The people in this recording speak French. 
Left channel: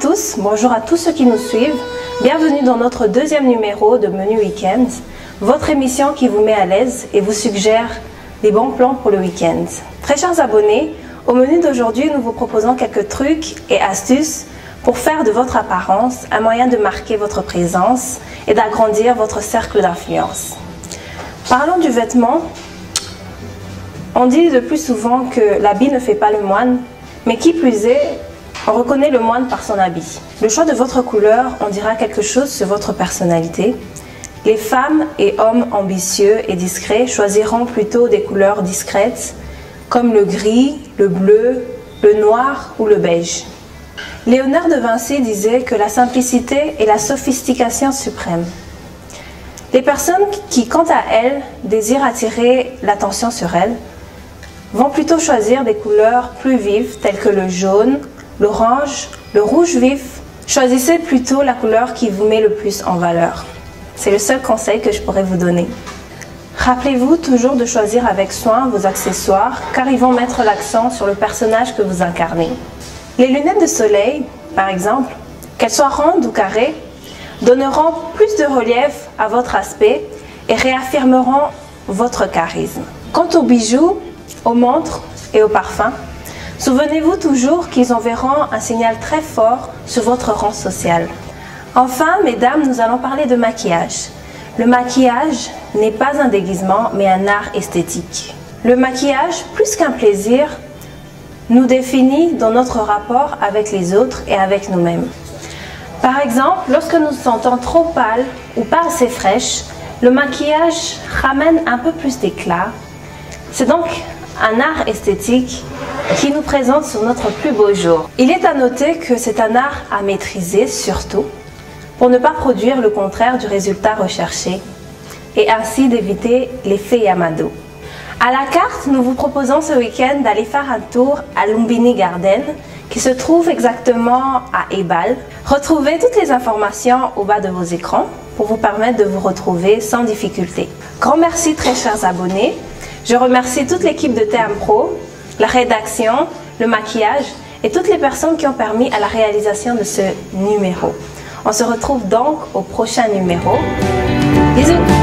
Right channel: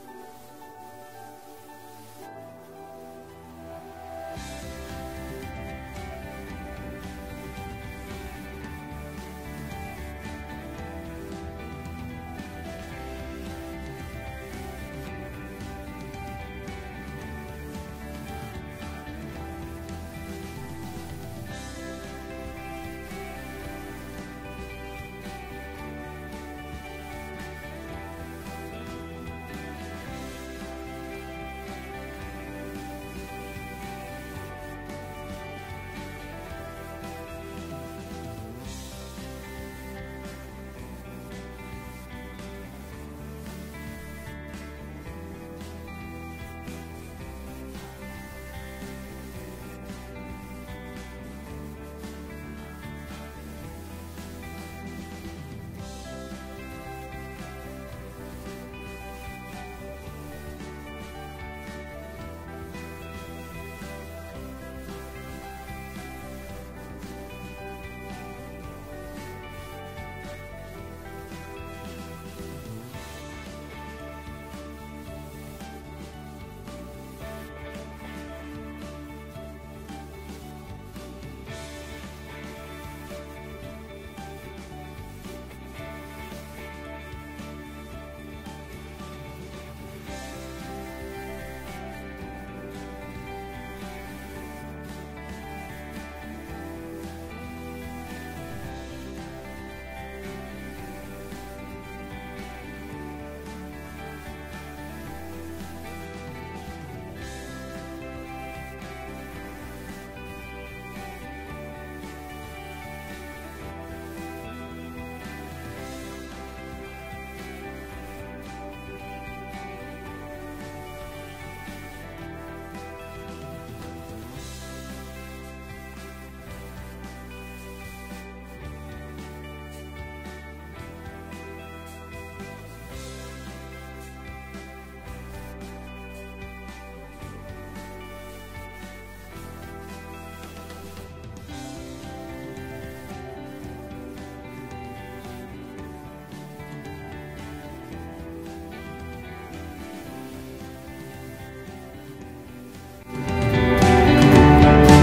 tous, bonjour à tous ceux qui nous suivent. Bienvenue dans notre deuxième numéro de Menu Week-end, votre émission qui vous met à l'aise et vous suggère des bons plans pour le week-end. Très chers abonnés, au menu d'aujourd'hui, nous vous proposons quelques trucs et astuces pour faire de votre apparence un moyen de marquer votre présence et d'agrandir votre cercle d'influence. Parlons du vêtement. On dit le plus souvent que l'habit ne fait pas le moine, mais qui plus est, on reconnaît le moine par son habit. Le choix de votre couleur en dira quelque chose sur votre personnalité. Les femmes et hommes ambitieux et discrets choisiront plutôt des couleurs discrètes comme le gris, le bleu, le noir ou le beige. Léonard de Vinci disait que la simplicité est la sophistication suprême. Les personnes qui, quant à elles, désirent attirer l'attention sur elles, vont plutôt choisir des couleurs plus vives telles que le jaune, l'orange, le rouge vif. Choisissez plutôt la couleur qui vous met le plus en valeur. C'est le seul conseil que je pourrais vous donner. Rappelez-vous toujours de choisir avec soin vos accessoires car ils vont mettre l'accent sur le personnage que vous incarnez. Les lunettes de soleil, par exemple, qu'elles soient rondes ou carrées, donneront plus de relief à votre aspect et réaffirmeront votre charisme. Quant aux bijoux, aux montres et aux parfums, souvenez-vous toujours qu'ils enverront un signal très fort sur votre rang social. Enfin, mesdames, nous allons parler de maquillage. Le maquillage n'est pas un déguisement, mais un art esthétique. Le maquillage, plus qu'un plaisir, nous définit dans notre rapport avec les autres et avec nous-mêmes. Par exemple, lorsque nous nous sentons trop pâles ou pas assez fraîches, le maquillage ramène un peu plus d'éclat. C'est donc un art esthétique qui nous présente sur notre plus beau jour. Il est à noter que c'est un art à maîtriser surtout pour ne pas produire le contraire du résultat recherché et ainsi d'éviter l'effet Yamado. À la carte, nous vous proposons ce week-end d'aller faire un tour à Lumbini Garden qui se trouve exactement à Ebal. Retrouvez toutes les informations au bas de vos écrans pour vous permettre de vous retrouver sans difficulté. Grand merci très chers abonnés. Je remercie toute l'équipe de TM Pro, la rédaction, le maquillage et toutes les personnes qui ont permis à la réalisation de ce numéro. On se retrouve donc au prochain numéro. Bisous!